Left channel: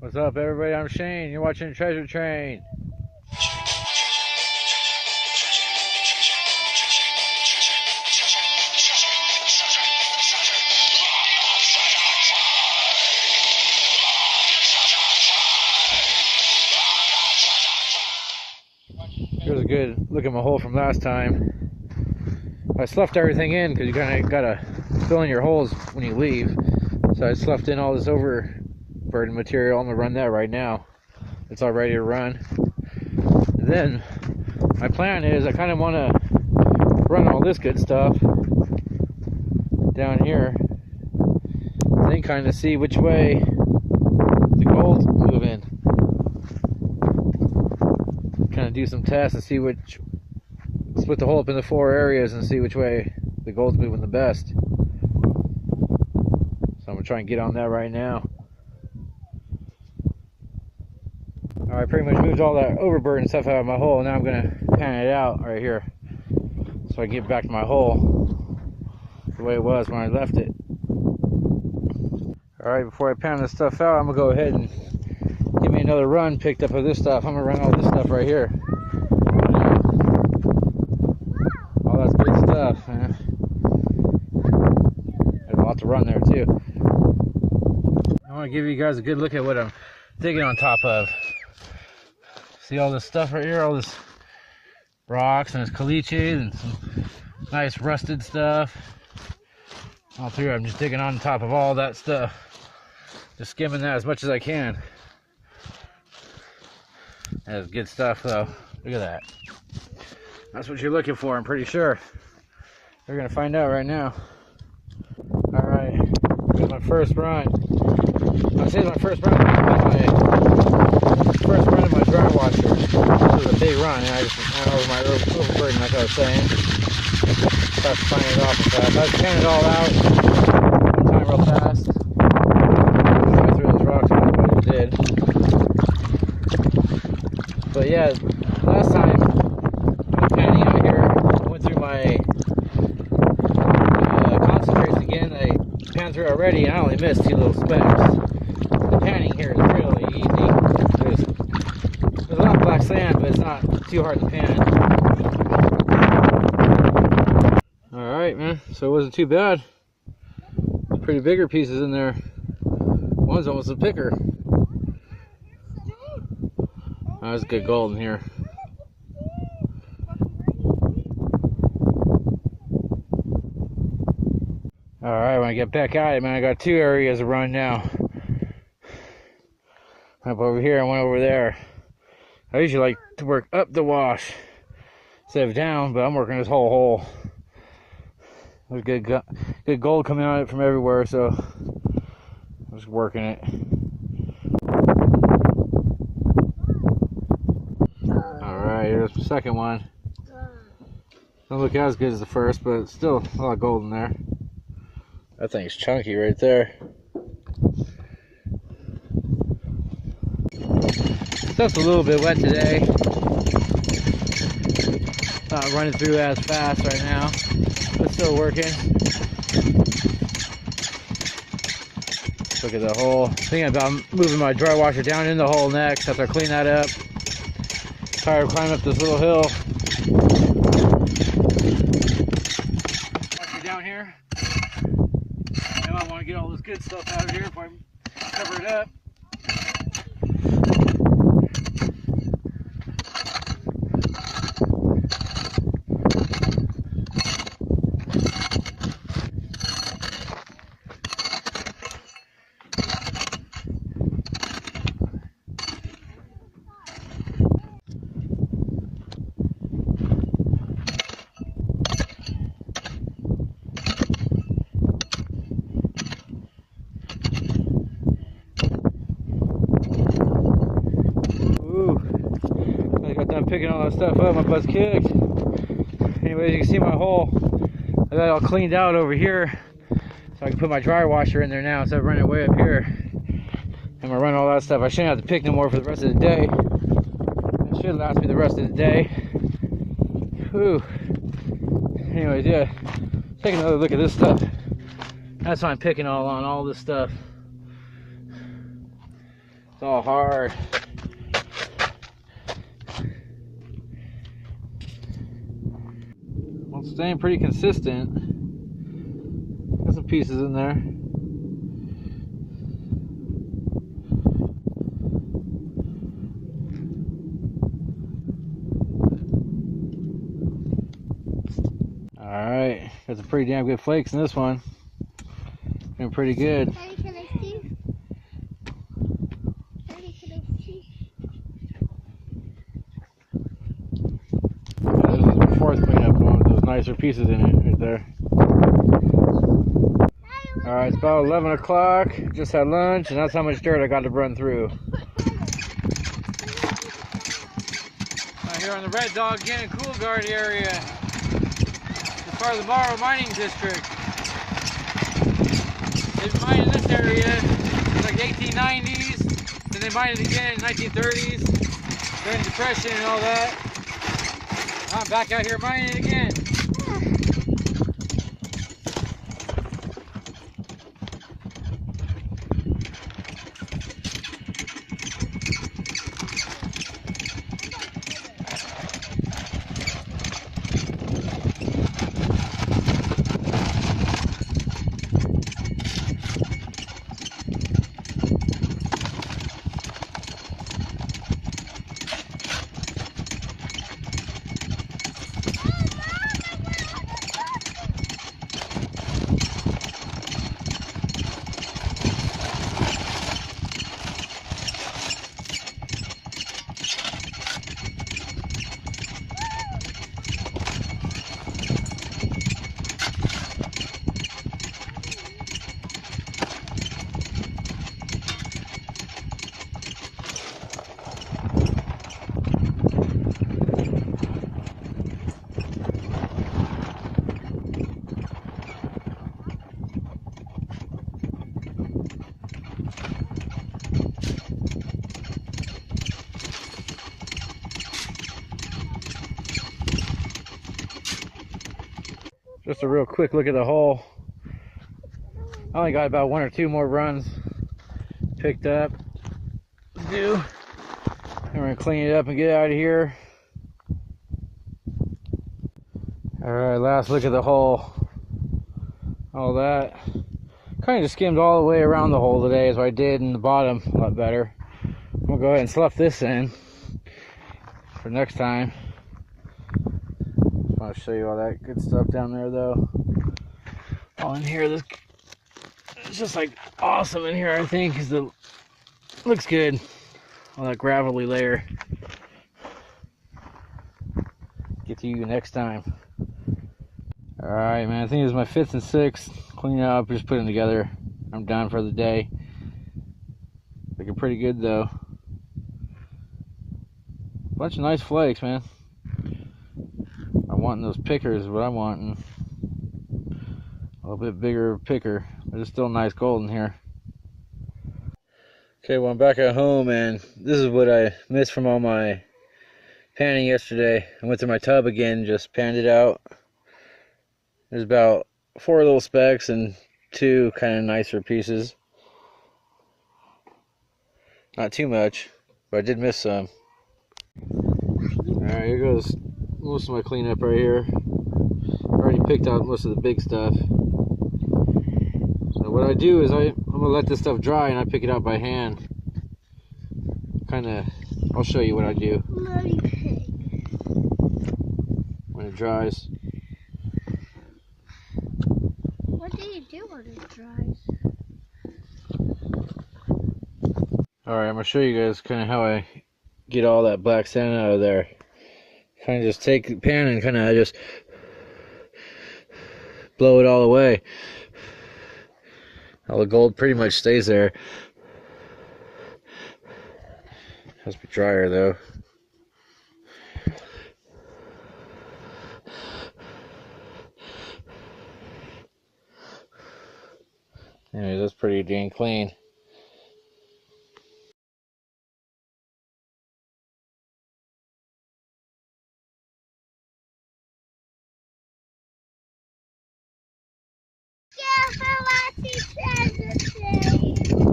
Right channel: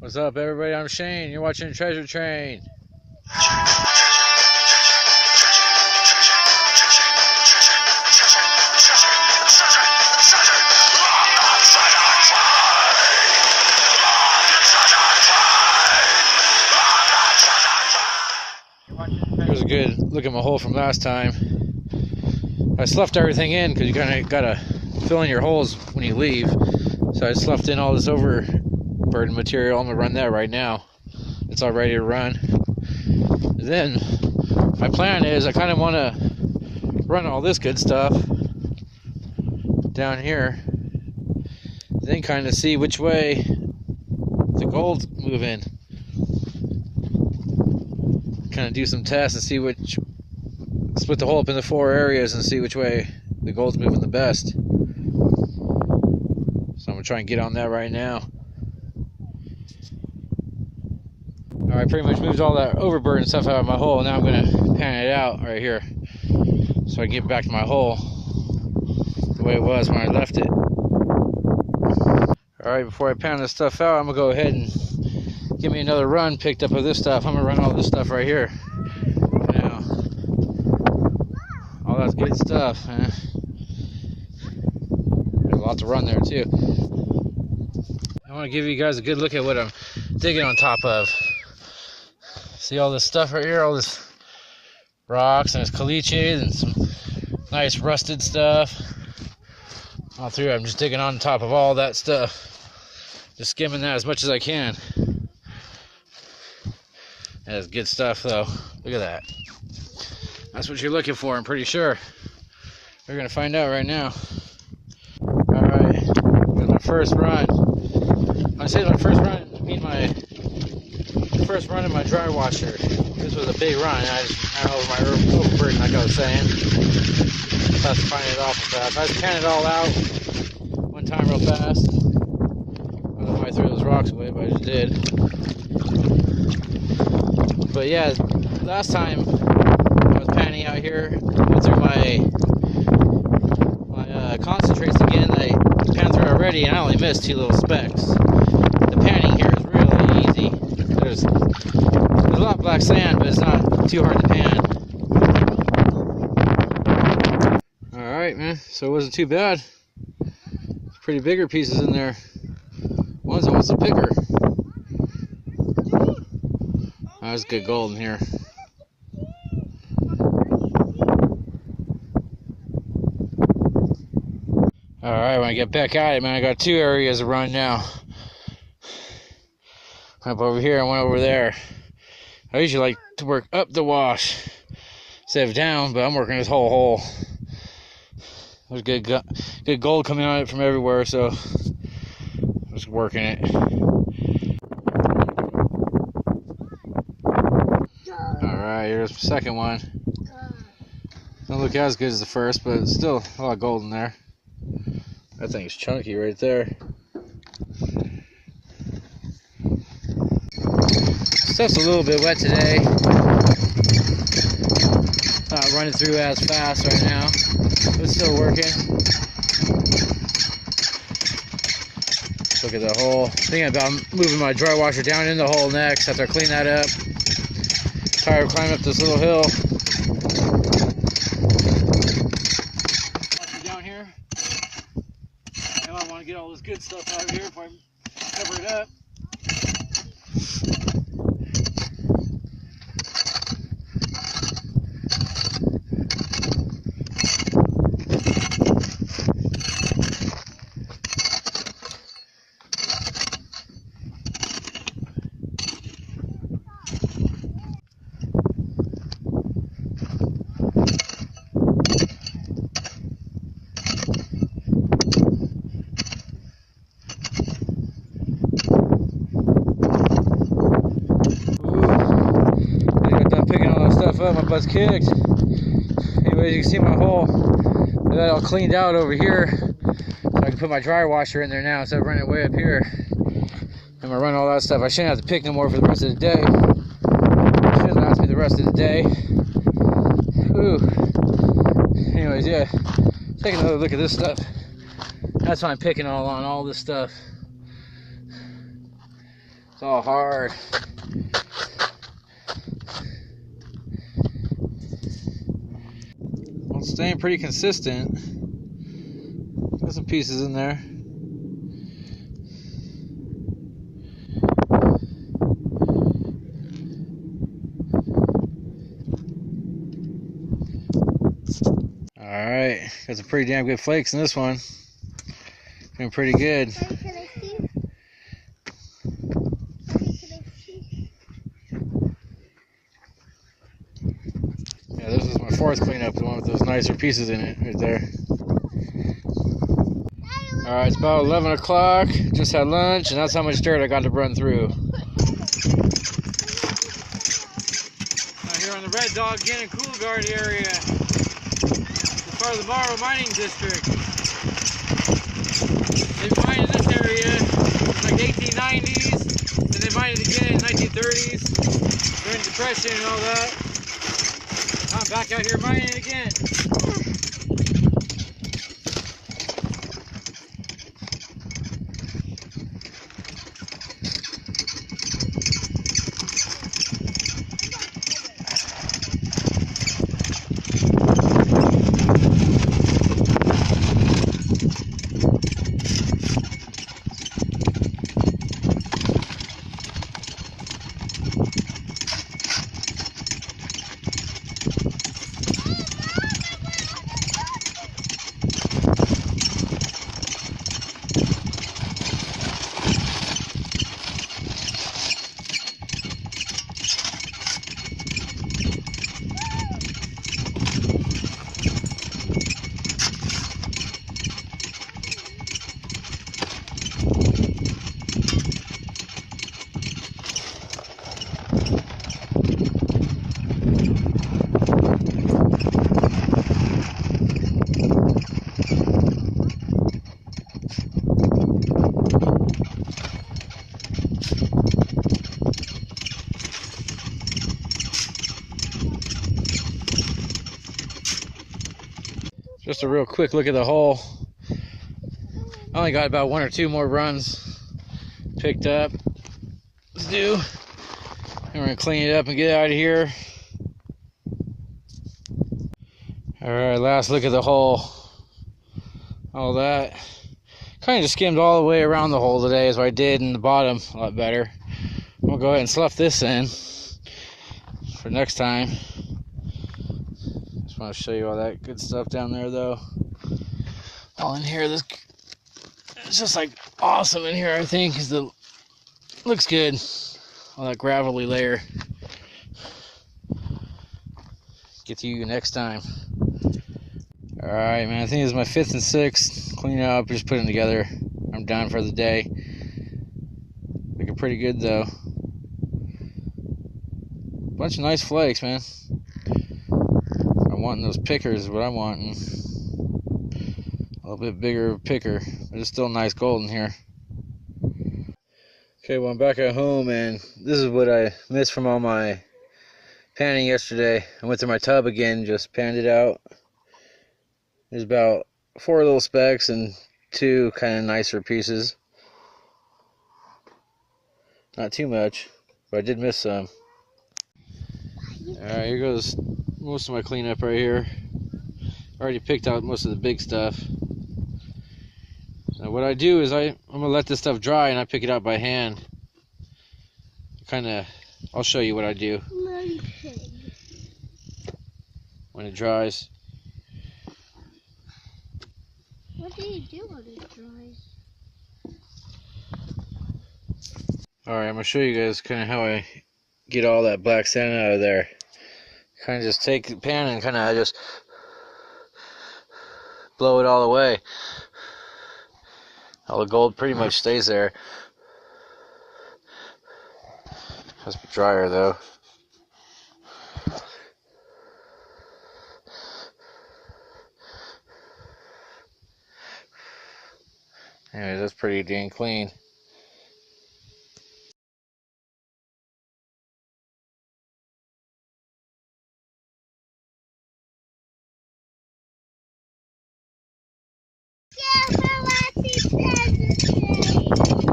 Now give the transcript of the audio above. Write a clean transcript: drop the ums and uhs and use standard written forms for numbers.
What's up, everybody? I'm Shane. You're watching Treasure Train. Here's a good look at my hole from last time. I sloughed everything in because you kind of gotta fill in your holes when you leave. So I sloughed in all this overburden material. I'm gonna run that right now. It's all ready to run. Then my plan is I kind of want to run all this good stuff down here, then kind of see which way the gold's moving. Kind of do some tests and see which, split the hole up into 4 areas and see which way the gold's moving the best. So I'm gonna try and get on that right now. Alright, pretty much moved all that overburden stuff out of my hole. Now I'm gonna pan it out right here so I can get back to my hole the way it was when I left it. Alright, before I pan this stuff out, I'm gonna go ahead and give me another run picked up of this stuff. I'm gonna run all this stuff right here. All that's good stuff, man. There's a lot to run there too. I want to give you guys a good look at what I'm digging on top of. See all this stuff right here, all this rocks and it's caliche and some nice rusted stuff. All three, I'm just digging on top of all that stuff. Just skimming that as much as I can. That's good stuff though. Look at that. That's what you're looking for, I'm pretty sure. We're gonna find out right now. Alright, here's my first run. When I say my first run, my first run in my dry washer. This was a big run. I went over my overburden, like I was saying. Just have to find it off real fast. I was panning it all out one time real fast. I threw those rocks away, but I just did. But yeah, last time I was panning out here, went through my concentrates again. I panned through already, and I only missed 2 little specks. The panning here is really easy. There's a lot of black sand, but it's not too hard to pan. Alright, man, so it wasn't too bad. There's pretty bigger pieces in there. One's almost a picker. There's good gold in here. Alright, when I get back at it, man, I got 2 areas to run now. Up over here and one over there. I usually like to work up the wash instead of down, but I'm working this whole hole. There's good gold coming out of it from everywhere, so I'm just working it. Alright, here's the second one. Doesn't look as good as the first, but it's still a lot of gold in there. That thing's chunky right there. Stuff's a little bit wet today. Not running through as fast right now, but still working. Look at the hole. Thinking about moving my dry washer down in the hole next after I clean that up. Tired of climbing up this little hill. Down here. Now I want to get all this good stuff out of here before I cover it up. Picking all that stuff up, my butt's kicked. Anyways, you can see my hole. I got it all cleaned out over here, so I can put my dry washer in there now instead of running it way up here. I'm gonna run all that stuff. I shouldn't have to pick no more for the rest of the day. It should last me the rest of the day. Whew. Anyways, yeah, take another look at this stuff. That's why I'm picking all this stuff. It's all hard. Well, it's staying pretty consistent. Got some pieces in there. Alright, got some pretty damn good flakes in this one. Been pretty good. This is my fourth cleanup, the one with those nicer pieces in it right there. Alright, it's about 11 o'clock. Just had lunch, and that's how much dirt I got to run through. Now here on the Red Dog again in Coolgardie area. It's part of the Barstow mining district. They mined in this area in like the 1890s, then they mined it again in the 1930s during the Depression and all that. I'm back out here mining again. Just a real quick look at the hole. I only got about 1 or 2 more runs picked up. Let's do. And we're gonna clean it up and get out of here. Alright, last look at the hole. All that. Kind of just skimmed all the way around the hole today, as I did in the bottom a lot better. I'm gonna go ahead and slough this in for next time. Just want to show you all that good stuff down there, though. All in here, this it's just like awesome in here. I think because the looks good. All that gravelly layer. Get to you next time. All right, man. I think this is my 5th and 6th. Clean up, just put them together. I'm done for the day. Looking pretty good though. Bunch of nice flakes, man. I'm wanting those pickers, what I'm wanting. A little bit bigger picker, but it's still nice golden here. Okay, well I'm back at home, and this is what I missed from all my panning yesterday. I went through my tub again, just panned it out. There's about 4 little specks and 2 kind of nicer pieces. Not too much, but I did miss some. Alright, here goes most of my cleanup right here. I already picked out most of the big stuff. Now what I do is I'm going to let this stuff dry and I pick it out by hand. I'll show you what I do when it dries. What do you do when it dries? Alright, I'm going to show you guys kind of how I get all that black sand out of there. Kind of just take the pan and kind of just blow it all away. All the gold pretty much stays there. Has to be drier though. Anyway, that's pretty dang clean. Yeah, for what he says it.